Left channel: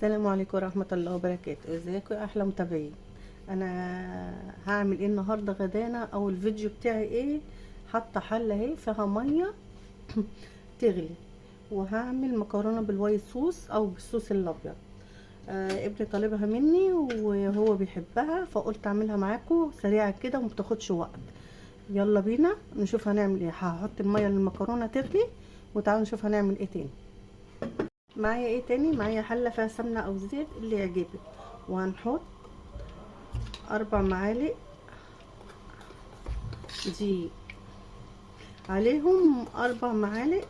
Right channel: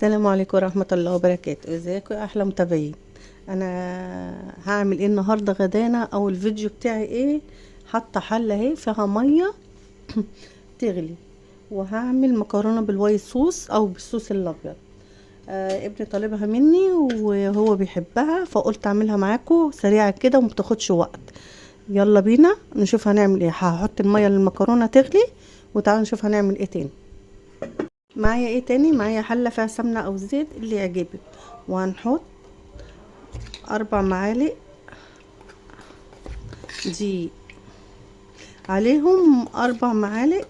السلام عليكم ورحمة الله وبركاته. ازيكم يا احلى متابعين؟ انا هعمل ايه النهارده غدانا او الفيديو بتاعي ايه؟ حاطه حله اهي فيها ميه تغلي، وهعمل مكرونه بالوايت صوص او بالصوص الابيض. ابني طالبها مني وهو بيحبها، فقلت اعملها معاكم سريعه كده وما بتاخدش وقت. يلا بينا نشوف هنعمل ايه. هحط الميه للمكرونه تغلي وتعالوا نشوف هنعمل ايه تاني. معايا ايه تاني؟ معايا حله فيها سمنه او زيت اللي يعجبك، وهنحط 4 معالق دي عليهم 4 معالق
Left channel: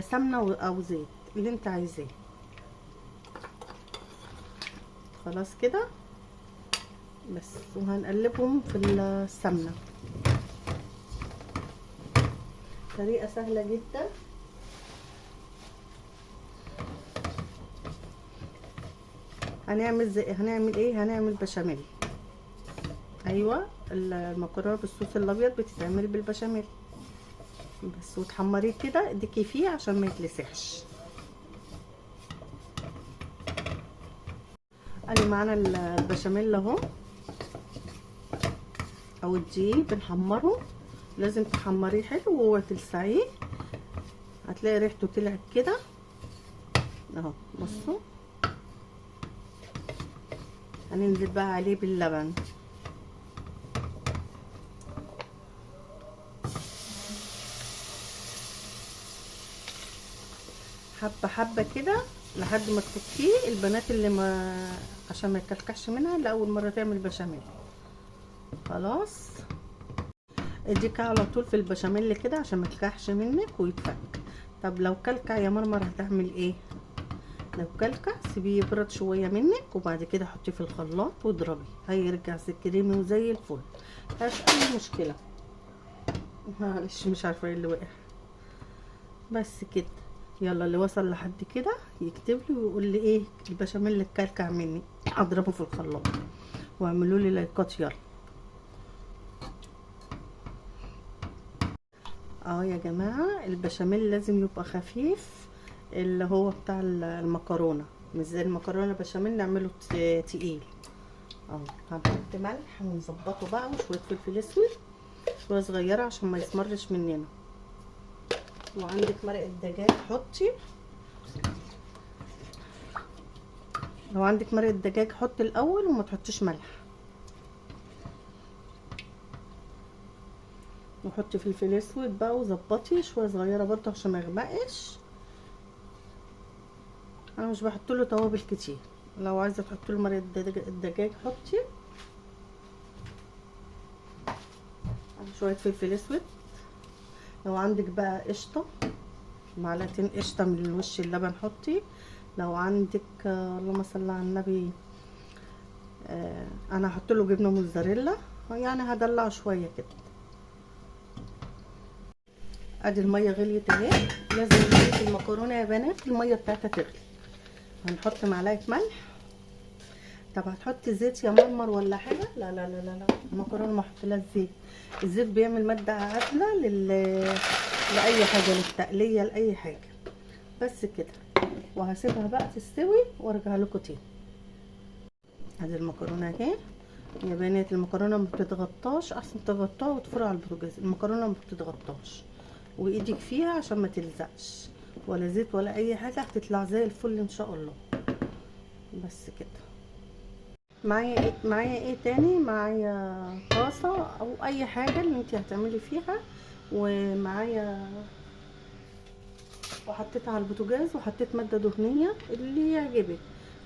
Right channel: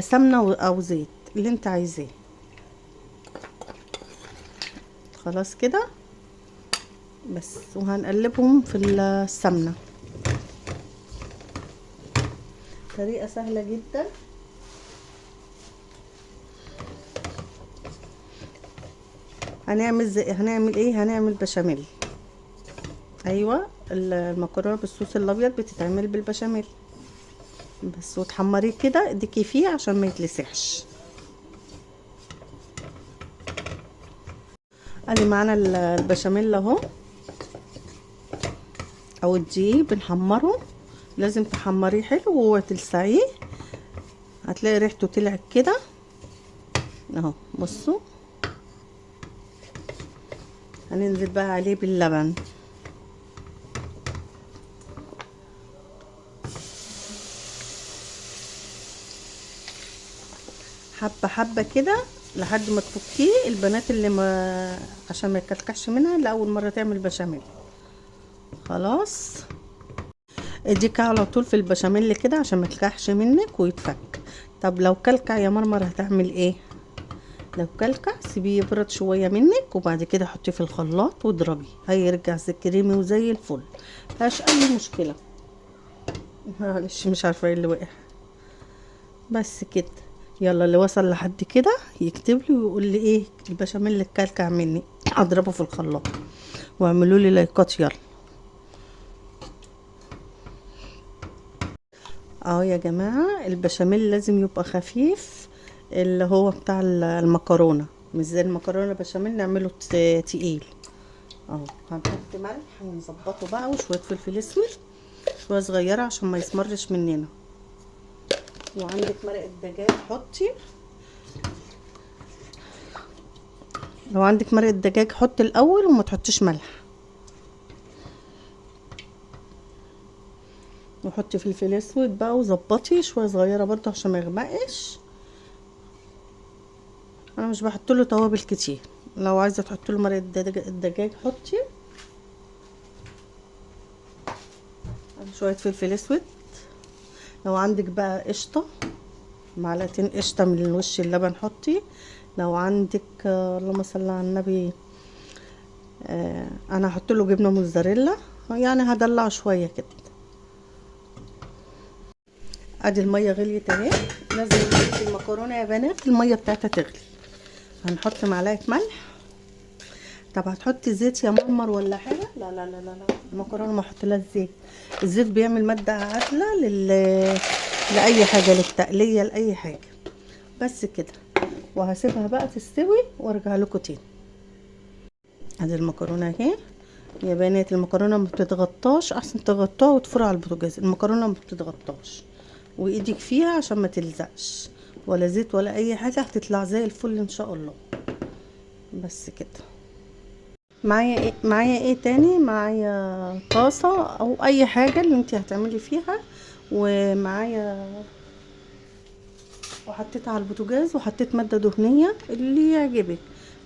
سمنه او زيت اللي انت عايزاه. خلاص كده بس، وهنقلبهم في السمنه. طريقه سهله جدا. هنعمل ايه؟ هنعمل بشاميل. ايوه، المكرونه بالصوص الابيض بتتعمل بالبشاميل بس، وتحمريه كده اديكي فيه عشان ما يتلسعش. ادي معانا البشاميل اهو، او الدقيق بنحمره. لازم تحمريه حلو وتلسعيه، هتلاقي ريحته طلعت كده اهو. بصوا، هننزل بقى عليه باللبن. حبه حبه كده لحد ما تفكيه. البنات اللي ما عشان ما يكلكعش منها لاول مره تعمل بشاميل. خلاص، اديك على طول في البشاميل كده عشان ما يكلكعش منك ويتفك. طب لو كلكع يا مرمر هتعمل ايه؟ لو كلكع سيبيه يبرد شويه منك، وبعد كده حطيه في الخلاط واضربيه، هيرجع زي كريمي وزي الفل، مفيهاش اي مشكله. معلش مش عارفه ايه اللي وقع. بس كده. يلا اللي وصل لحد كده يكتب لي ويقول لي ايه البشاميل اللي اتكلكع مني. اضربه في الخلاط واعملوا لي لايكات. يلا اهو يا جماعه، البشاميل لازم يبقى خفيف، اللي هو بتاع المكرونه، مش زي المكرونه بشاميل نعمله تقيل. اهو هنحط ملح ونظبطه بقى، وشويه فلفل اسود شويه صغيره عشان ما يسمرش مننا. وعندك مرقه دجاج حطي، لو عندك مرقه دجاج حطي الاول وما تحطيش ملح. وحطي فلفل اسود بقى وظبطي شويه صغيره برضه عشان ما يغمقش. انا مش بحط له توابل كتير، لو عايزه تحط له مرقه الدجاج حطي. شويه فلفل اسود. لو عندك بقى قشطه، معلقتين قشطه من وش اللبن حطي. لو عندك اللهم صل على النبي، انا هحط له جبنه موتزاريلا، يعني هدلع شويه كده. ادي الميه غليت اهي. لازم نسيب المكرونه يا بنات الميه بتاعتها تغلي. هنحط معلقه ملح. طب هتحطي زيت يا مرمر ولا حاجه؟ لا لا لا لا لا، المكرونه ما احطلهاش زيت. الزيت بيعمل ماده عازله لاي حاجه، للتقليه لاي حاجه. بس كده، وهسيبها بقى تستوي وارجع لكم تاني. ادي المكرونه اهي يا بنات. المكرونه ما بتتغطاش، احسن تغطوها وتفرع على البوتاجاز. المكرونه ما بتتغطاش، وايدك فيها عشان ما تلزقش، ولا زيت ولا اي حاجه، هتطلع زي الفل ان شاء الله. بس كده. معايا ايه تاني؟ معايا طاسه او اي حاجه اللي انت هتعملي فيها، ومعايا، وحطيتها على البوتاجاز وحطيت ماده دهنيه اللي يعجبك.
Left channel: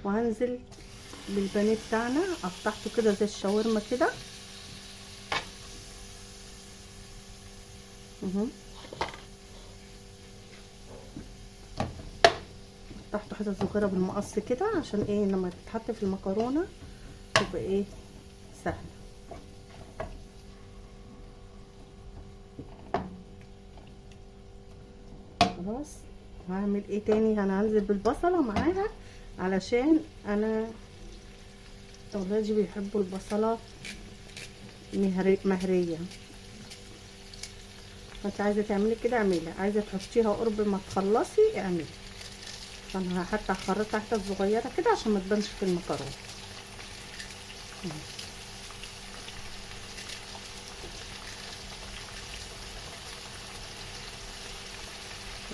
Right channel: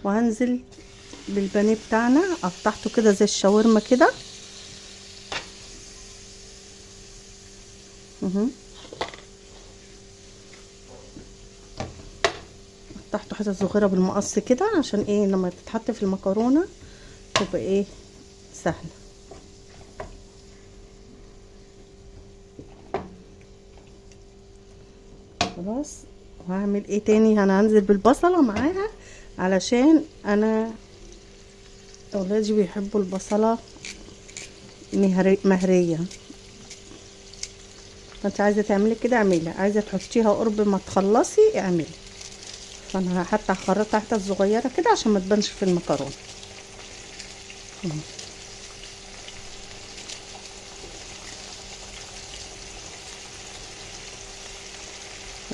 وهنزل بالبانيه بتاعنا، قطعته كده زي الشاورما كده اهو. قطعته حتت صغيره بالمقص كده عشان ايه لما تتحط في المكرونه تبقى ايه سهله. خلاص. وهعمل ايه تاني؟ انا هنزل بالبصله معاها علشان انا اولادي بيحبوا البصله مهريه. انت عايزه تعملي كده اعملي، عايزه تحطيها قرب ما تخلصي اعملي. فانا حتى هخرطها حتت صغيره كده عشان ما تبانش في المكرونه.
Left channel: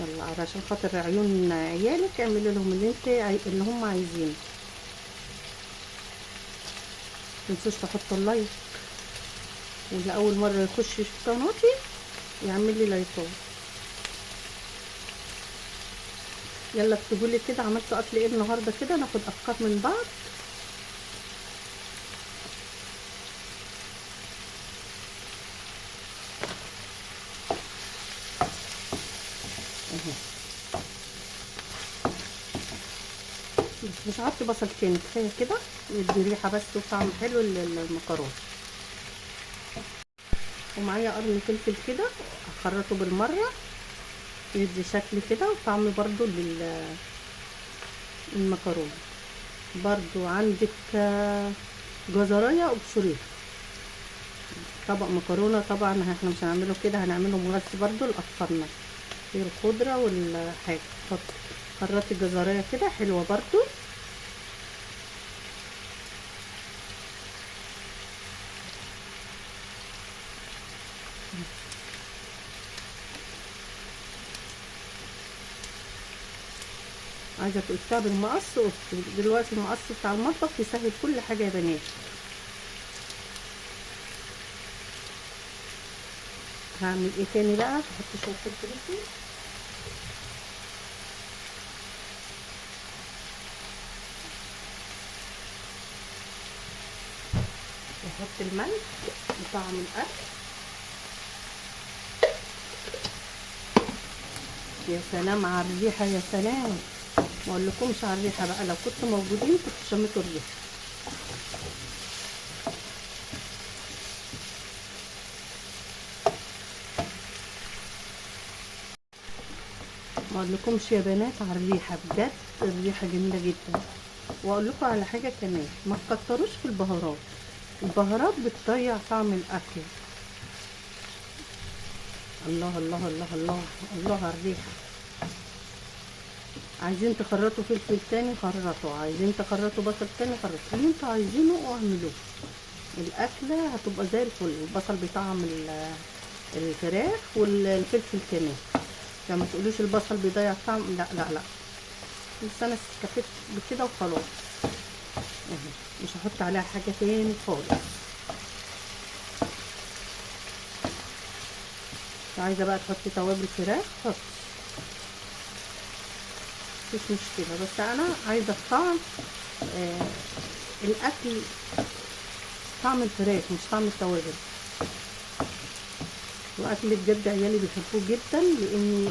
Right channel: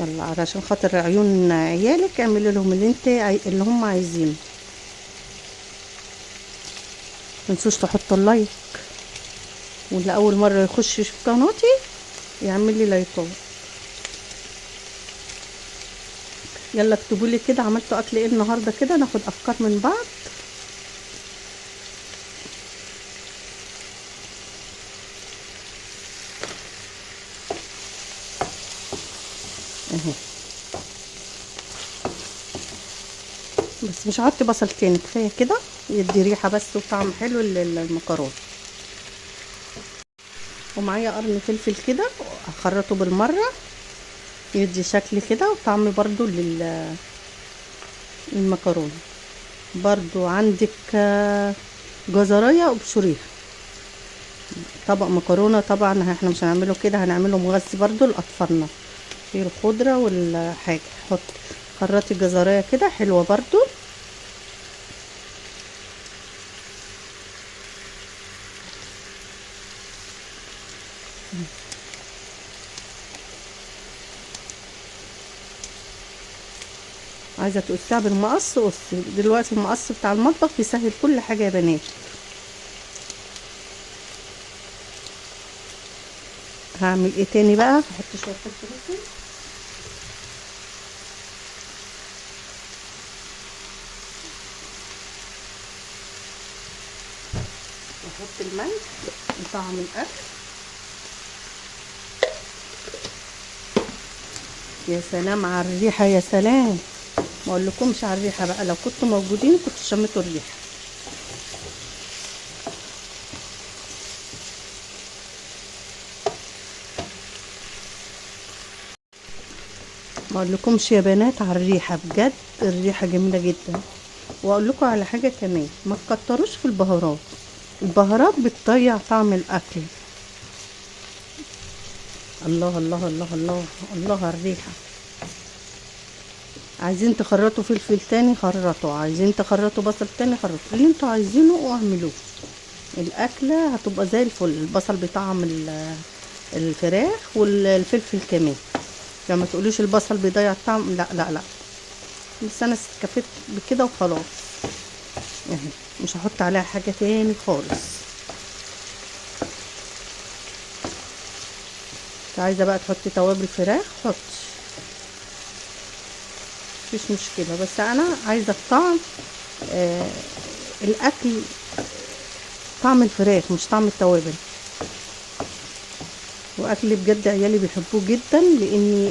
يلا علشان خاطر عيون عيالك اعملي لهم اللي هم عايزينه. متنسوش تحطوا اللايك، واللي اول مره يخش في قناتي يعمل لي لايكات. يلا اكتبوا لي كده عملتوا اكل ايه النهارده كده، ناخد افكار من بعض. اهي بس مش هحط بصل تاني، كفايه كده يدي ريحه بس وطعم حلو للمكرونه. ومعايا قرن فلفل كده اخرطه بالمره يدي شكل كده وطعم برضو للمكرونه. برضو عندك جزرايه وبشوريها. طبق مكرونه طبعا احنا مش هنعمله كده، هنعمله مغذي برضو لاطفالنا في الخضره والحاجه. حط خرطي جزرايه كده حلوه برضو. عايزه تقصيها بالمقص قصي، دلوقتي المقص بتاع المطبخ يسهل كل حاجه يا بنات. هعمل ايه تاني بقى؟ هحط شويه فلفل، واحط الملح وطعم الاكل. يا سلام على الريحه، يا سلام، ما اقولكمش على الريحه بقى، لو كنتوا موجودين كنتوا شميتوا الريحه. ما اقولكمش يا بنات على الريحه، بجد الريحه جميله جدا. واقول لكم على حاجه كمان، ما تكتروش في البهارات، البهارات بتضيع طعم الاكل. الله الله الله الله الله على الريحه. عايزين تخرطوا فلفل تاني خرطوا، عايزين تخرطوا بصل تاني خرطوا، اللي انتوا عايزينه واعملوه. الاكله هتبقى زي الفل. البصل بيطعم الفراخ والفلفل كمان. لما تقوليش البصل بيضيع الطعم، لا لا لا، بس انا استكفيت بكده وخلاص. يعني مش هحط عليها حاجه تاني خالص. عايزه بقى تحطي توابل فراخ حطي، مفيش مشكله، بس انا عايزه الطعم الاكل طعم الفراخ مش طعم التوابل. واكل بجد عيالي بيحبوه جدا، لاني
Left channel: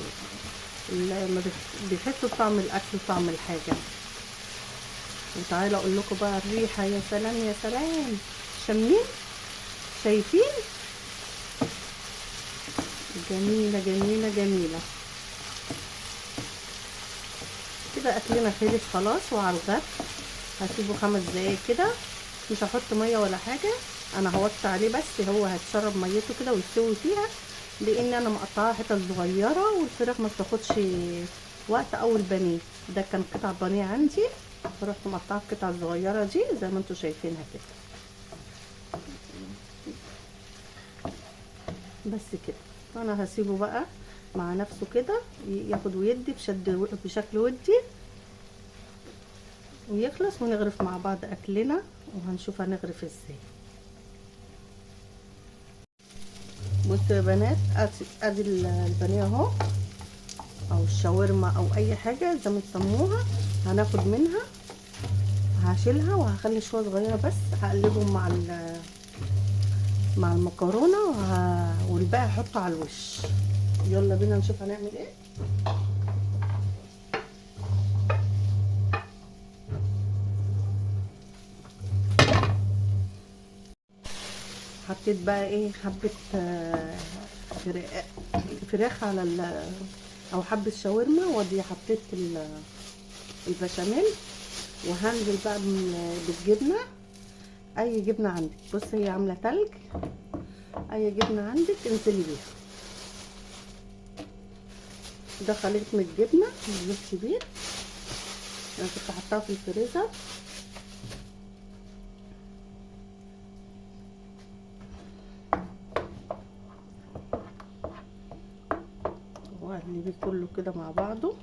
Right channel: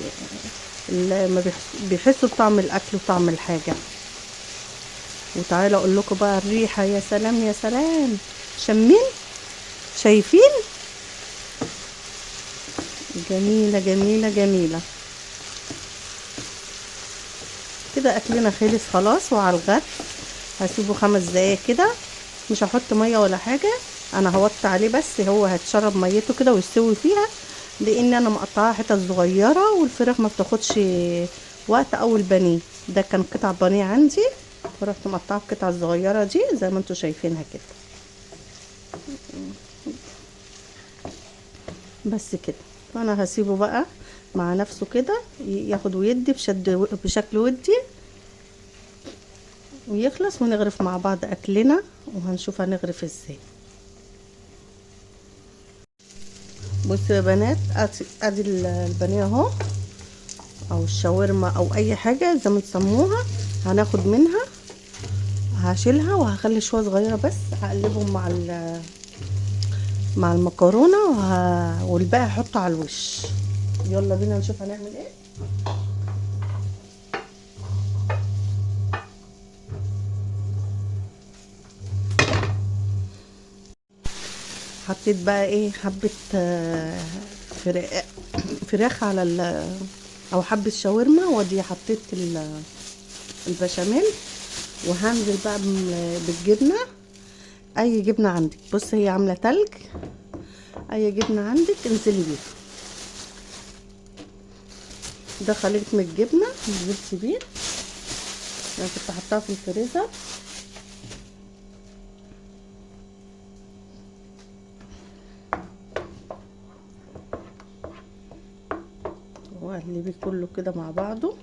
لما بيحسوا بطعم الاكل وطعم الحاجه. وتعالى اقول لكم بقى الريحه، يا سلام يا سلام، شمين شايفين؟ جميله جميله جميله. كده اكلنا خلص خلاص وعلى الغد. هسيبه 5 دقايق كده، مش هحط ميه ولا حاجه، انا هوطي عليه بس هو هتشرب ميته كده ويستوي فيها، لان انا مقطعاها حتت صغيره والفراخ ما بتاخدش وقت. او البانيه ده كان قطع بانيه عندي، ورحت مقطعه القطع الصغيره دي زي ما انتم شايفينها كده. بس كده، فانا هسيبه بقى مع نفسه كده ياخد ويدي بشكل ودي ويخلص، ونغرف مع بعض اكلنا وهنشوف هنغرف ازاي. بصوا يا بنات، ادي البانيه اهو، او الشاورما او اي حاجه زي ما تسموها. هناخد منها، هشيلها وهخلي شويه صغيره بس هقلبهم مع المكرونه والباقي هحطه على الوش. يلا بينا نشوف هنعمل ايه. حطيت بقى ايه، حبه فراخ على او حبه شاورما، ودي حطيت البشاميل، وهنزل بقى بالجبنه، اي جبنه عندك. بص هي عامله تلج، اي جبنه عندك انزلي بيها. ده خليط من الجبنه نزلت بيه، انا كنت حطاها في الفريزر. واقلبيه كله كده مع بعضه،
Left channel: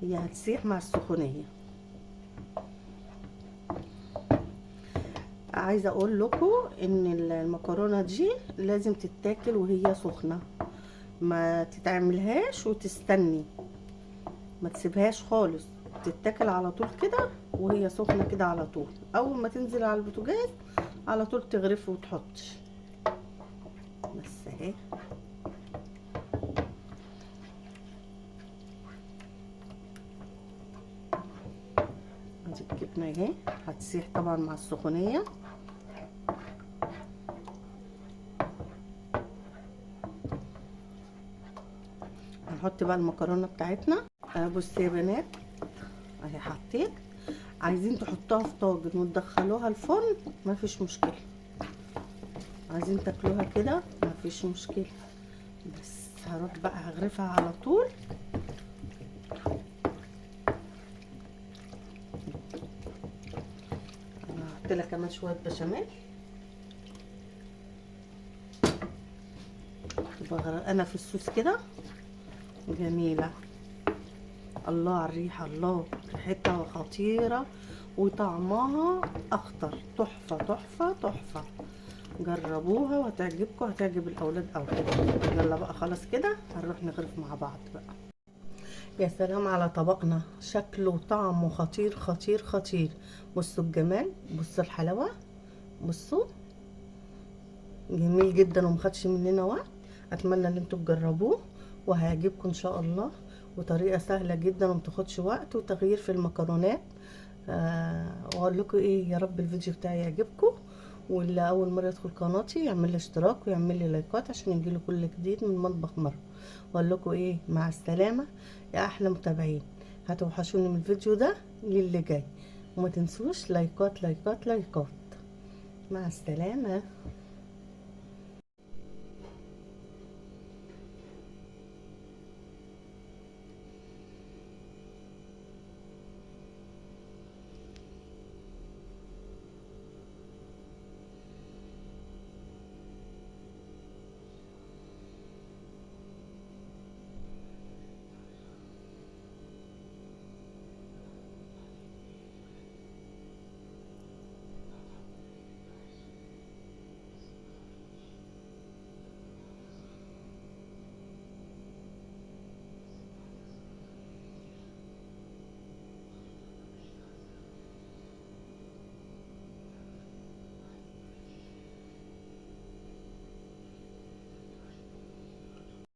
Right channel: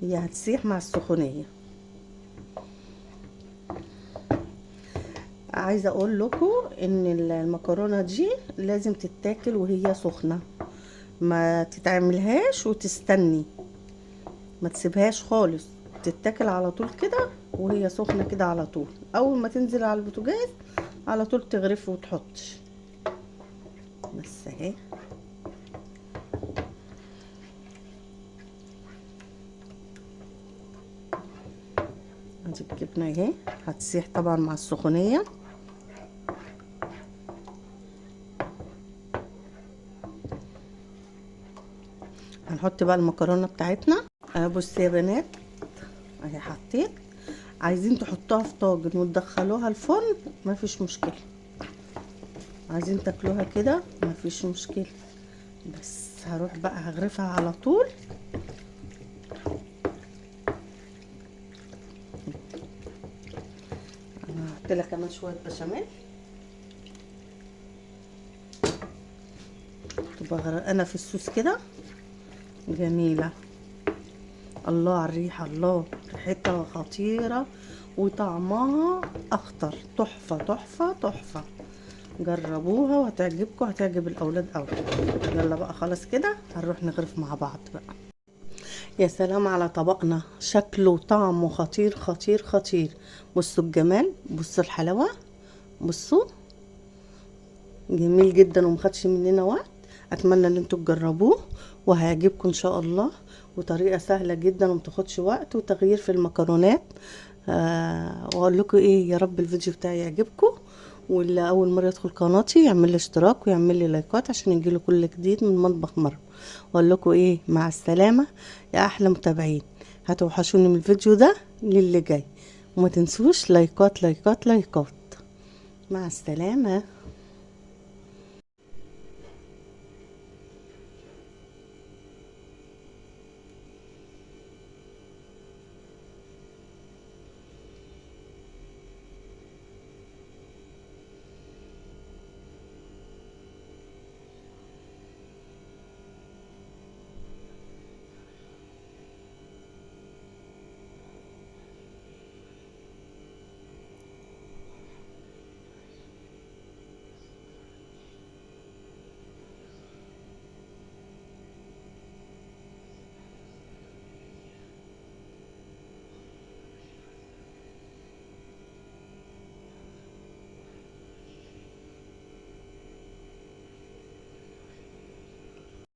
هي هتسيح مع السخونيه. عايزه اقول لكم ان المكرونه دي لازم تتاكل وهي سخنه، ما تتعملهاش وتستني، ما تسيبهاش خالص، تتاكل على طول كده وهي سخنه كده على طول. اول ما تنزل على البوتاجاز على طول تغرفي وتحطي. بس اهي ادي الجبنه اهي هتسيح طبعا مع السخونيه. هنحط بقى المكرونه بتاعتنا. بصوا يا بنات اهي حطيت. عايزين تحطوها في طاجن وتدخلوها الفرن مفيش مشكله، عايزين تاكلوها كده مفيش مشكله. بس هروح بقى هغرفها على طول. هحط لها كمان شويه بشاميل. تبقى غرقانه في الصوص كده جميله. الله على الريحه، الله ريحتها خطيره وطعمها اخطر، تحفه تحفه تحفه. جربوها وهتعجبكم، هتعجب الاولاد قوي. يلا بقى خلاص كده هنروح نغرف مع بعض بقى. يا سلام على طبقنا، شكله وطعمه خطير خطير خطير. بصوا الجمال، بصوا الحلاوه، بصوا جميل جدا ومخدش مننا وقت. اتمنى ان انتوا تجربوه وهيعجبكم ان شاء الله. وطريقه سهله جدا ومتاخدش وقت وتغيير في المكرونات. واقول لكم ايه، يا رب الفيديو بتاعي يعجبكم، واللي اول مره يدخل قناتي يعمل لي اشتراك ويعمل لي لايكات عشان يجيله كل جديد من مطبخ مروه. واقول لكم ايه، مع السلامه يا احلى متابعين. هتوحشوني من الفيديو ده للي جاي، وما تنسوش لايكات لايكات لايكات. مع السلامه.